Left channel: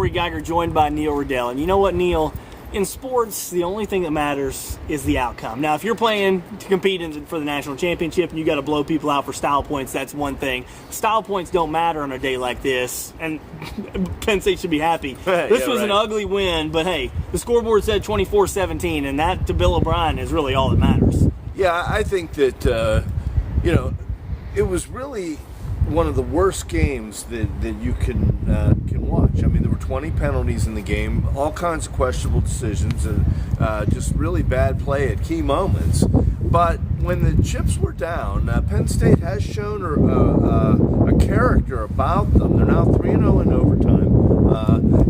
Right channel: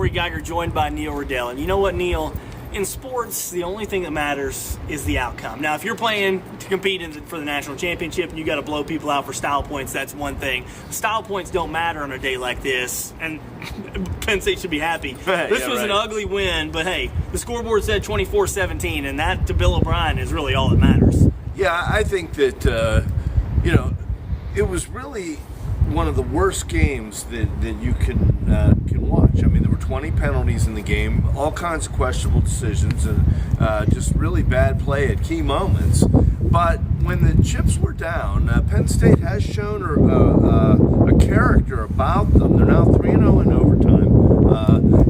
Corey Geiger joined by Neil Rudel. And you know what, Neil? In sports, the only thing that matters is the outcome. Now, if you're playing to compete for the national championship and you got to blow people out for style points, that's one thing. Style points don't matter on a day like this, and Penn State should be happy. This was an ugly win, but hey, the scoreboard said 24-17, and that to Bill O'Brien is really all that matters. Yeah, I think that, it was really one of the worst games that you can watch. I mean, there were 20 penalties in the game, all kinds of questionable decisions, and just really bad play at key moments. But when the chips were down, Penn State has shown a character about them. They're now 3-0 in overtime.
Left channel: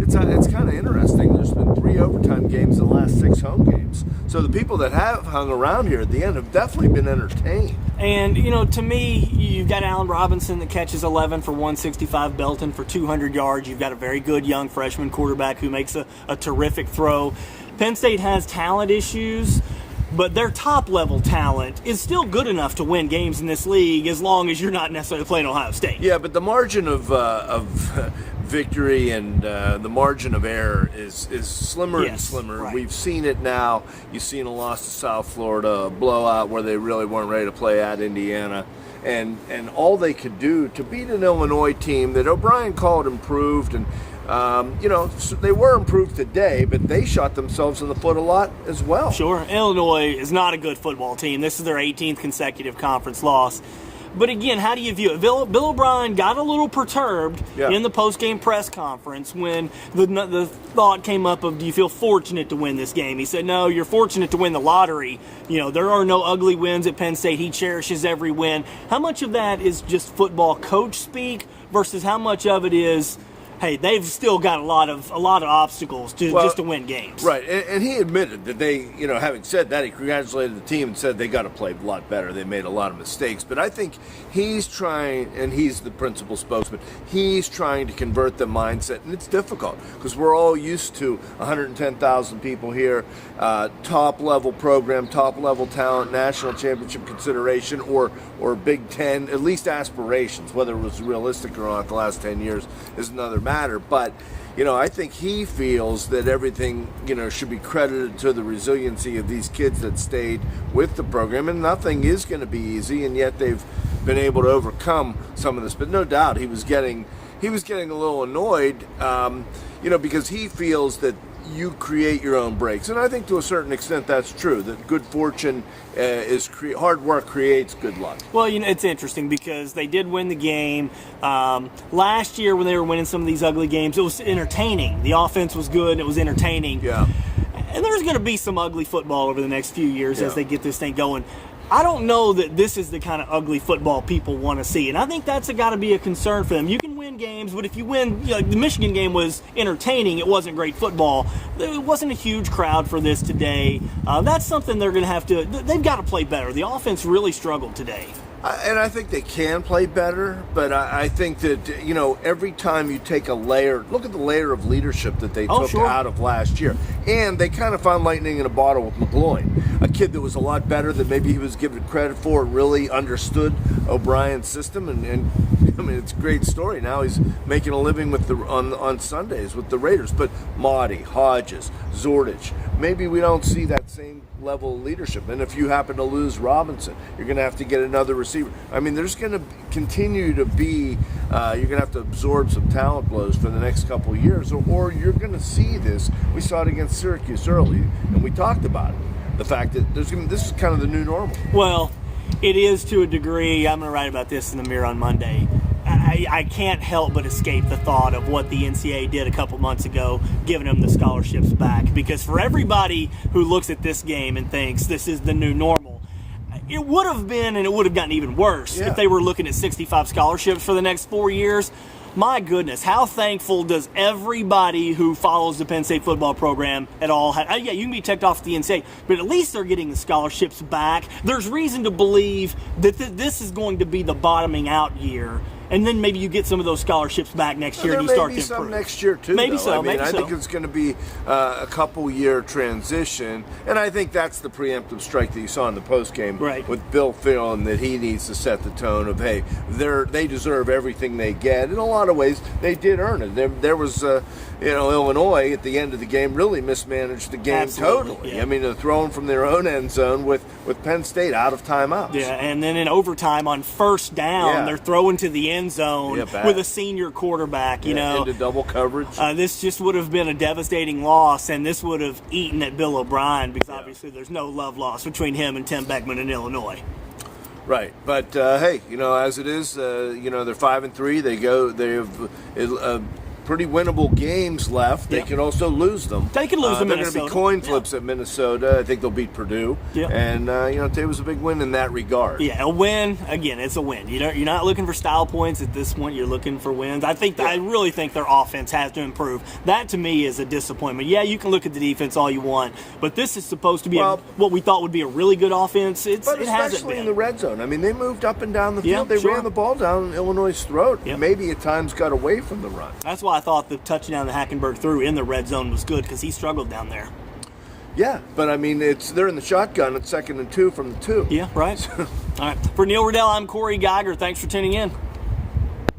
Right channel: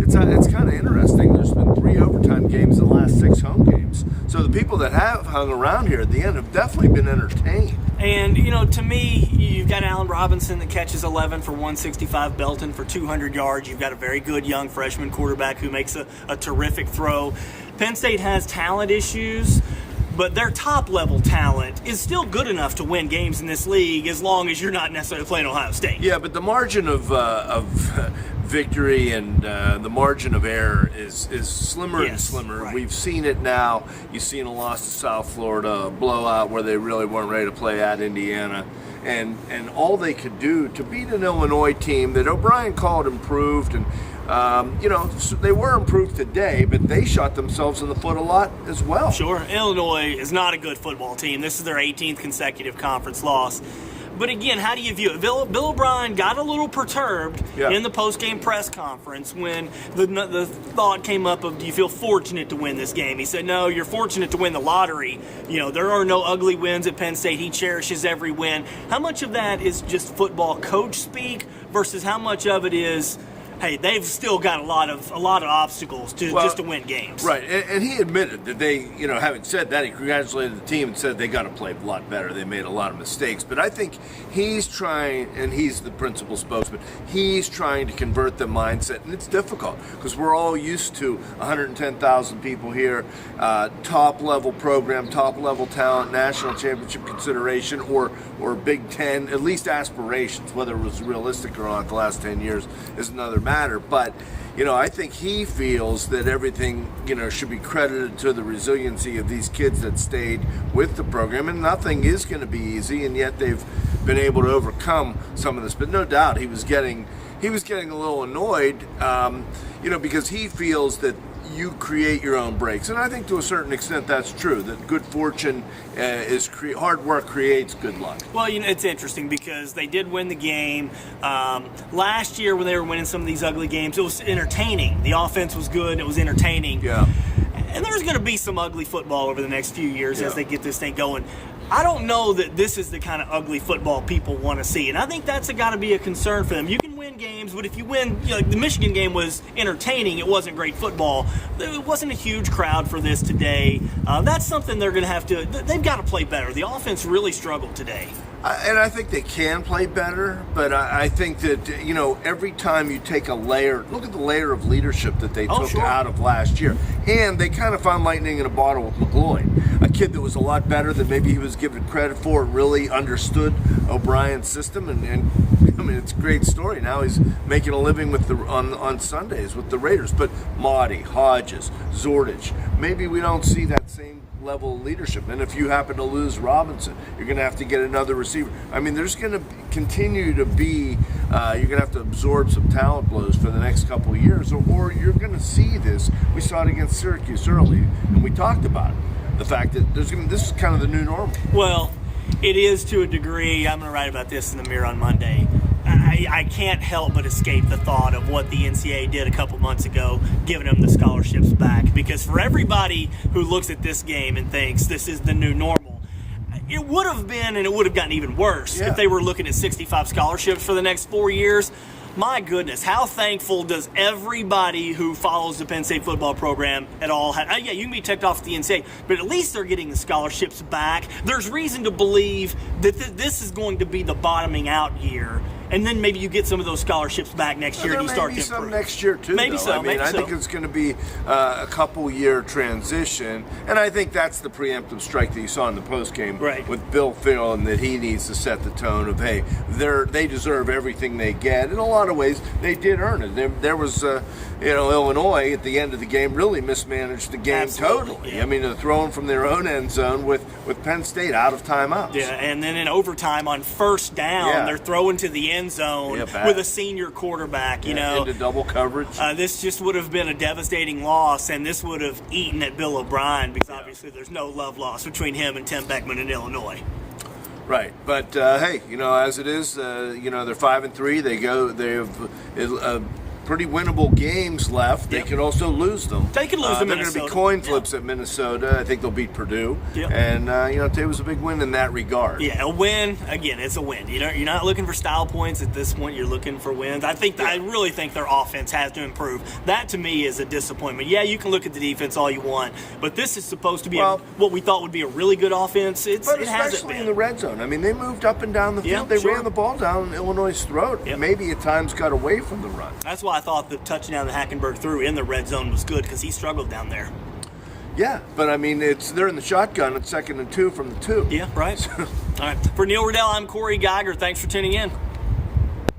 It's kind of interesting. There's been 3 overtime games in the last 6 home games. So the people that have hung around here at the end have definitely been entertained. And, to me, you've got Allen Robinson that catches 11 for 165, Belton for 200 yards. You've got a very good young freshman quarterback who makes a terrific throw. Penn State has talent issues, but their top-level talent is still good enough to win games in this league as long as you're not necessarily playing Ohio State. Yeah, but the margin of victory and the margin of error is slimmer and slimmer. Right. We've seen it now. You've seen a loss to South Florida, a blowout where they really weren't ready to play at Indiana. And all they could do to beat an Illinois team that O'Brien called improved, and they were improved today, but they shot themselves in the foot a lot as well. Sure. Illinois is not a good football team. This is their 18th consecutive conference loss. But again, how do you view it? Bill O'Brien got a little perturbed in the post-game press conference when the thought came up of, do you feel fortunate to win this game? He said, no, you're fortunate to win the lottery. There are no ugly wins at Penn State. He cherishes every win. How much of that is just football coach speak versus how much of it is, hey, they've still got a lot of obstacles just to win games. Right, and he admitted that they, having said that, he congratulated the team and said they got to play a lot better. They made a lot of mistakes. But I think he's trying, and he's the principal spokesman, he's trying to convert the mindset, and it's difficult because we're all used to 110,000 people here, top-level program, top-level talent, national championship consideration, or Big Ten, at least aspirations. Whether it was realistic or not the last 10 years is another matter. But I think he feels that everything should be credited to the resiliency of these kids that stayed with the program, and nothing is going to be easy, and yet they've been able to overcome some of this. But no doubt he was getting a little annoyed because he feels that you create your own breaks, and I think to a certain extent that's true, that good fortune hard work creates good luck. Well, it's interesting because they did win the game last year when they were winning some of these ugly games. It was entertaining. The offense was good and it was entertaining. Yeah. And there's going to be some ugly football over the next few years as they get this thing going. I don't know that this is the kind of ugly football people want to see, and I think that's got to be a concern for them. You can win games, but if you win, the Michigan game was entertaining. It wasn't great football. There wasn't a huge crowd for this today. That's something they're going to have to. They've got to play better. The offense really struggled today. And I think they can play better, but I think that, every time you take a layer, look at the layer of leadership that they took out of last year. And they kind of found lightning in a bottle with McGloin, a kid that was a lot better than maybe he was given credit for, really understood O'Brien's system. And I mean, it's a great story. Now he's making a living with on Sundays with the Raiders. But Maudie, Hodges, Zordich, maybe we don't see that same level of leadership. And if you happen to lose Robinson, you're going to have to get another receiver. I mean, there's going to continue to be, you're going to have to absorb some talent blows for the next couple of years, or you're going to see this. We saw it against Syracuse early, and we talked about it. The fact that this is kind of the new normal. Well, it is to a degree. I'm going to write about this in the Mirror on Monday. I can't help but escape the thought of what the NCAA did a couple months ago, giving them the scholarships back. Because for everybody who looks at this game and thinks this is the new normal, it would have been, and it would have gotten even worse if they were looking at 65 scholarships for the next 4 years. My goodness, how thankful does everybody who follows the Penn State football program at all have? Yeah, you can be ticked off at the NCAA, but at least they're getting the scholarships back. There's reason to believe that this is going to be the bottoming out year. And then maybe you get some of those scholarships back next year and you start to improve. Maybe some next year too. Maybe though. so. I mean, maybe I so. think it's going to be a couple-year transition, and I think that's the preemptive strike that you saw in the postgame with Bill feeling that he needs to set the tone of, hey, they deserve everything they get. In a lot of ways, they did earn it. There was, Illinois at the end of the game really mismanaged the game totally. Yeah. I mean, they're throwing from their own end zone with Penn State out of timeouts. Yeah, and then in overtime on first down, they're throwing to the end zone with a senior quarterback. You know, into double coverage. This just would have been a devastating loss, and this would have eaten at Bill O'Brien because obviously there's no love lost between him and Tim Beckman in Illinois. Right, but hey, as it is, they're 5-3. They have pretty winnable games left. They can also lose them. They can lose them. They're going to be coin flips at Minnesota. I think they'll beat Purdue. And today was a big win in that regard. Yeah, a win. Again, it's a win. You're not looking for style points at this point. You're looking for wins. I really think their offense has to improve. That to me is a disappointment. Yeah, you can look at the defense all you want, but this is supposed to be what we thought would be a really good offense. But especially in the red zone. I mean, they moved up and down the field. They ran the ball down Illinois' throat. Maybe at times got away from the run. That's why I thought the touchdown that Hackenberg threw in the red zone was good because he struggled down there. Yeah, but I mean, they're in the shotgun at 2nd and 2 from the 2. Yeah, right. All right. For Neil Rudel, I'm Corey Geiger. Thanks for tuning in.